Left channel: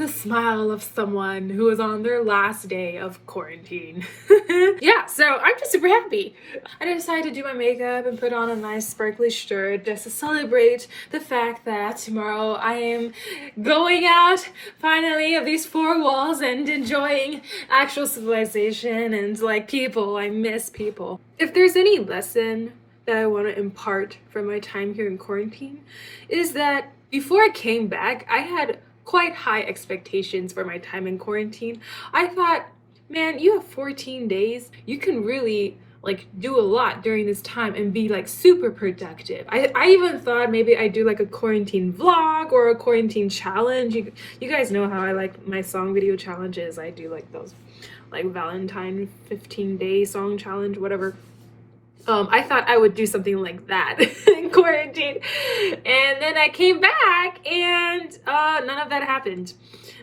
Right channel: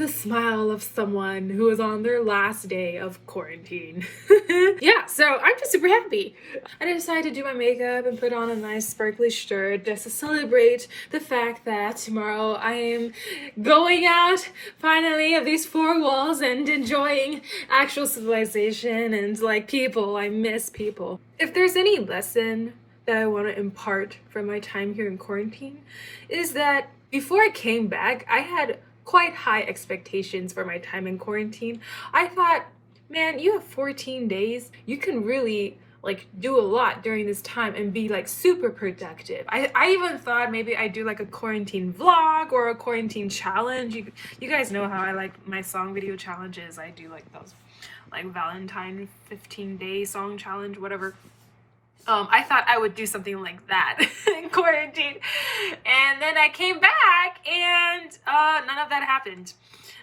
the smile of someone who is on their last day of quarantine. Yeah, so I'm just super happy. I decided to do my makeup and put on a nice sparkly shirt just to celebrate the fact that tomorrow I am going out finally of these four walls and enjoying actual civilization and like people. I miss people. If there's any lesson that I want to impart from my time here in quarantine, is that before I came back, I had quite high expectations for my time in quarantine. I thought, man, you have 14 days. You can really like do a lot during this time and be like super productive. I even thought maybe I'd do like a quarantine vlog or a quarantine challenge. You guys know how I like my song video challenges. I do like those like Valentine 15-day song challenge, whatever. I thought I would do something like that in quarantine, and then I came back and none of that happened.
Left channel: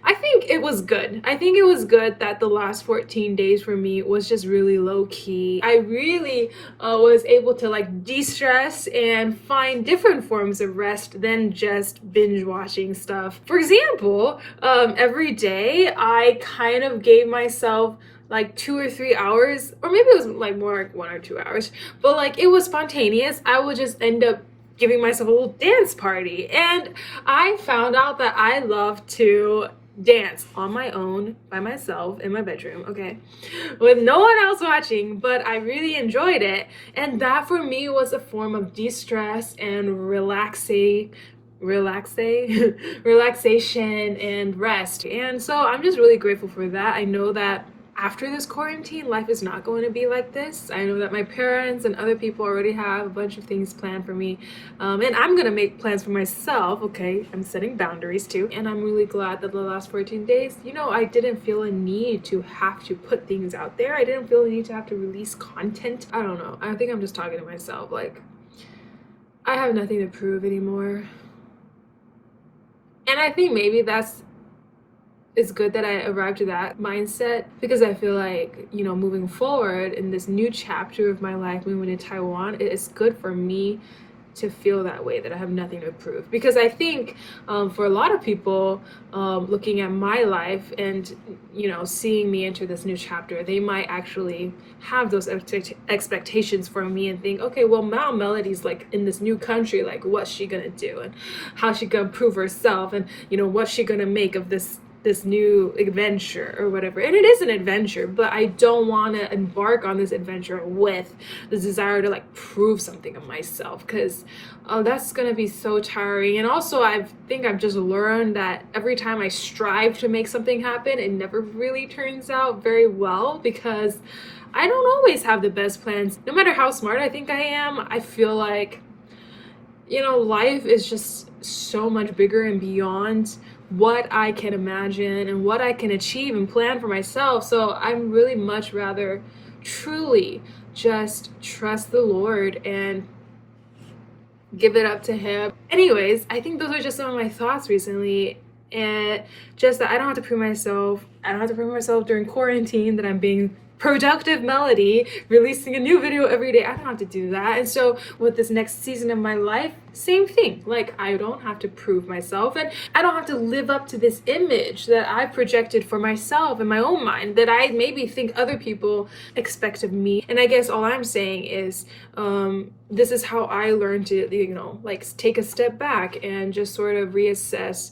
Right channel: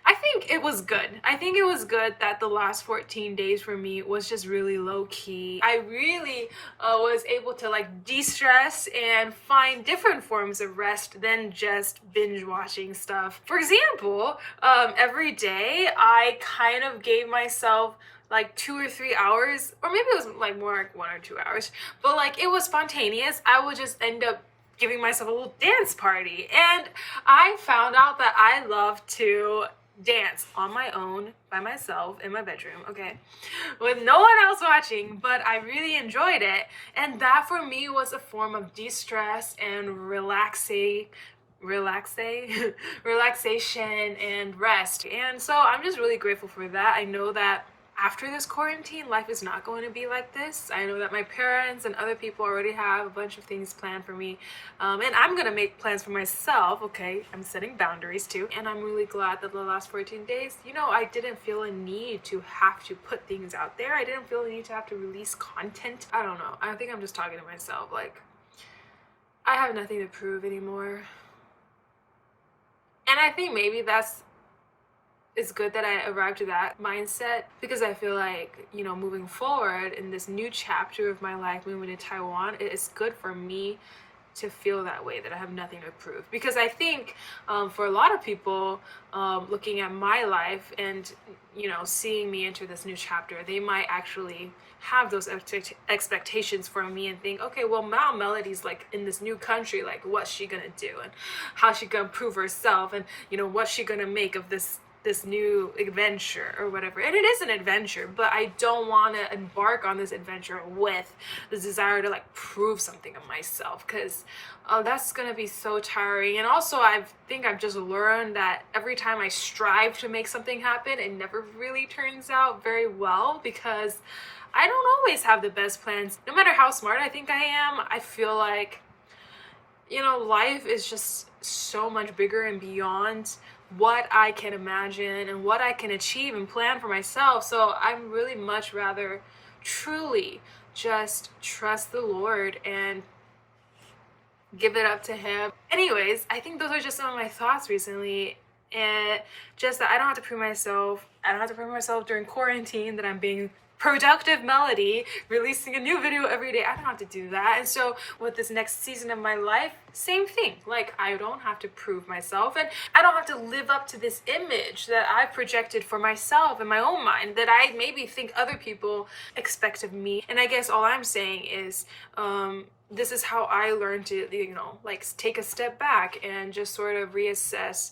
I think it was good. I think it was good that the last 14 days for me was just really low key. I really was able to like de-stress and find different forms of rest than just binge watching stuff. For example, every day I kind of gave myself like 2 or 3 hours, or maybe it was like more like 1 or 2 hours, but like it was spontaneous. I would just end up giving myself a little dance party, and I found out that I love to dance on my own by myself in my bedroom, okay, with no one else watching, but I really enjoyed it. And that for me was a form of de-stress and relaxation and rest. And so I'm just really grateful for that. I know that after this quarantine, life is not going to be like this. I know that my parents and other people already have a bunch of things planned for me. And I'm going to make plans for myself, okay? I'm setting boundaries too. And I'm really glad that the last 14 days, you know, I didn't feel a need to have to put things out there. I didn't feel a need to have to release content. I don't know. I think I'm just talking to myself. Like, I have nothing to prove anymore. And I think maybe it's good that I arrived at that mindset, because I feel like, you know, moving forward in this new chapter of my life, moving to Taiwan, it's good for me to feel that way, that I have nothing to prove. Because I think for a lot of people looking at my life and, you know, seeing me enter this new chapter, they might actually have those expectations for me and think, okay, well, now Melody's like in this new country, like what's she gonna do and how's she gonna prove herself, and, you know, what's she gonna make of this new adventure or whatever. And it is an adventure, but I don't want to embark on this adventure with the desire to like prove something of myself, because that's gonna be so tiring. And also I think I've just learned that every time I strive to make something happen, it never really turns out very well, because I don't always have the best plans. No matter how smart I think I am, I feel like, you know, life is just so much bigger and beyond what I can imagine and what I can achieve and plan for myself. So I'm really much rather truly just trust the Lord and give it up to Him. Anyways, I think those are just some of my thoughts recently, and just that I don't have to prove myself. I don't have to prove myself during quarantine that I'm being productive Melody, releasing a new video every day. I don't have to do that. And so with this next season of my life, same thing. Like, I don't have to prove myself, and I don't have to live up to this image that I've projected for myself in my own mind that I maybe think other people expect of me. And I guess all I'm saying is this is how I learned to, you know, like take a step back and just sort of reassess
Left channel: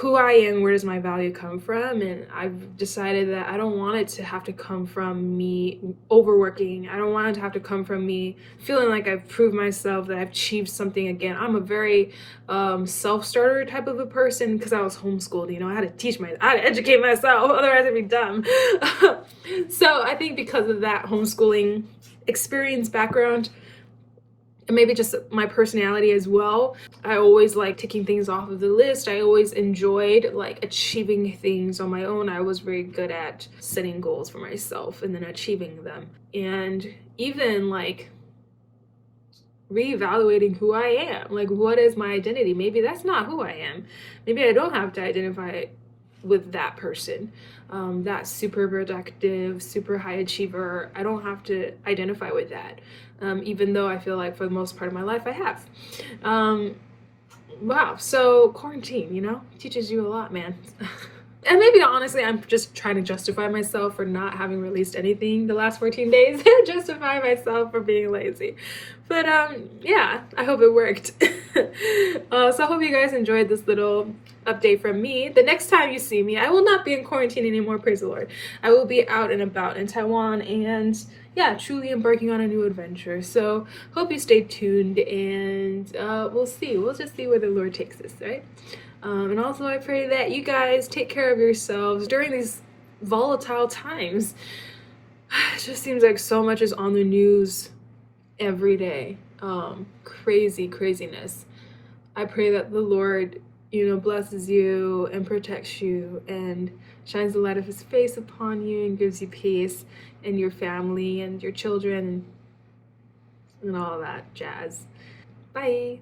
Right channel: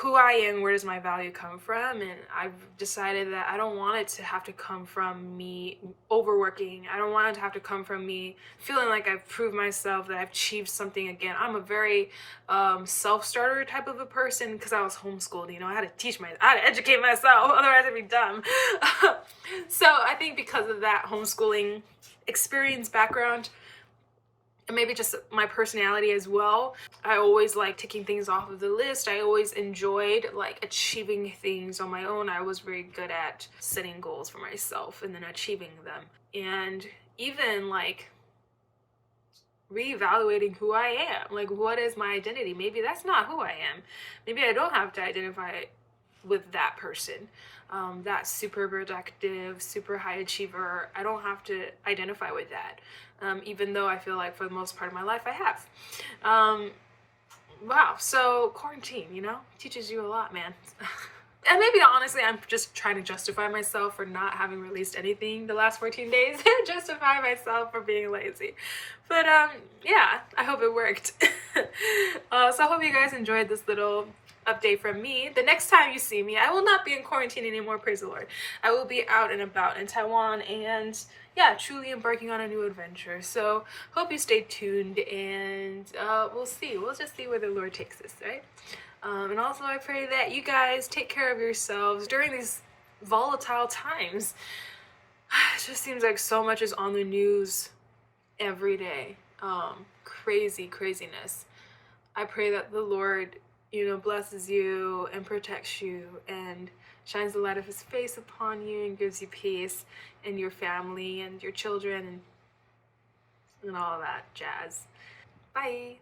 who I am, where does my value come from. And I've decided that I don't want it to have to come from me overworking. I don't want it to have to come from me feeling like I've proved myself, that I've achieved something again. I'm a very self-starter type of a person, because I was homeschooled, you know, I had to educate myself, otherwise I'd be dumb. So I think because of that homeschooling experience background, and maybe just my personality as well, I always like taking things off of the list. I always enjoyed like achieving things on my own. I was very good at setting goals for myself and then achieving them. And even like reevaluating who I am. Like, what is my identity? Maybe that's not who I am. Maybe I don't have to identify with that person. That super productive, super high achiever. I don't have to identify with that. Even though I feel like for the most part of my life I have. Wow, so quarantine, teaches you a lot, man. And maybe honestly, I'm just trying to justify myself for not having released anything the last 14 days. Justify myself for being lazy. But yeah, I hope it worked. So I hope you guys enjoyed this little update from me. The next time you see me, I will not be in quarantine anymore, praise the Lord. I will be out and about in Taiwan and yeah, truly embarking on a new adventure. So hope you stay tuned and we'll see. We'll just see where the Lord takes us, right? And also, I pray that you guys take care of yourselves during these volatile times. It just seems like so much is on the news every day. Craziness. I pray that the Lord, blesses you and protects you and shines the light of his face upon you and gives you peace and your family and your children and all that jazz. Bye.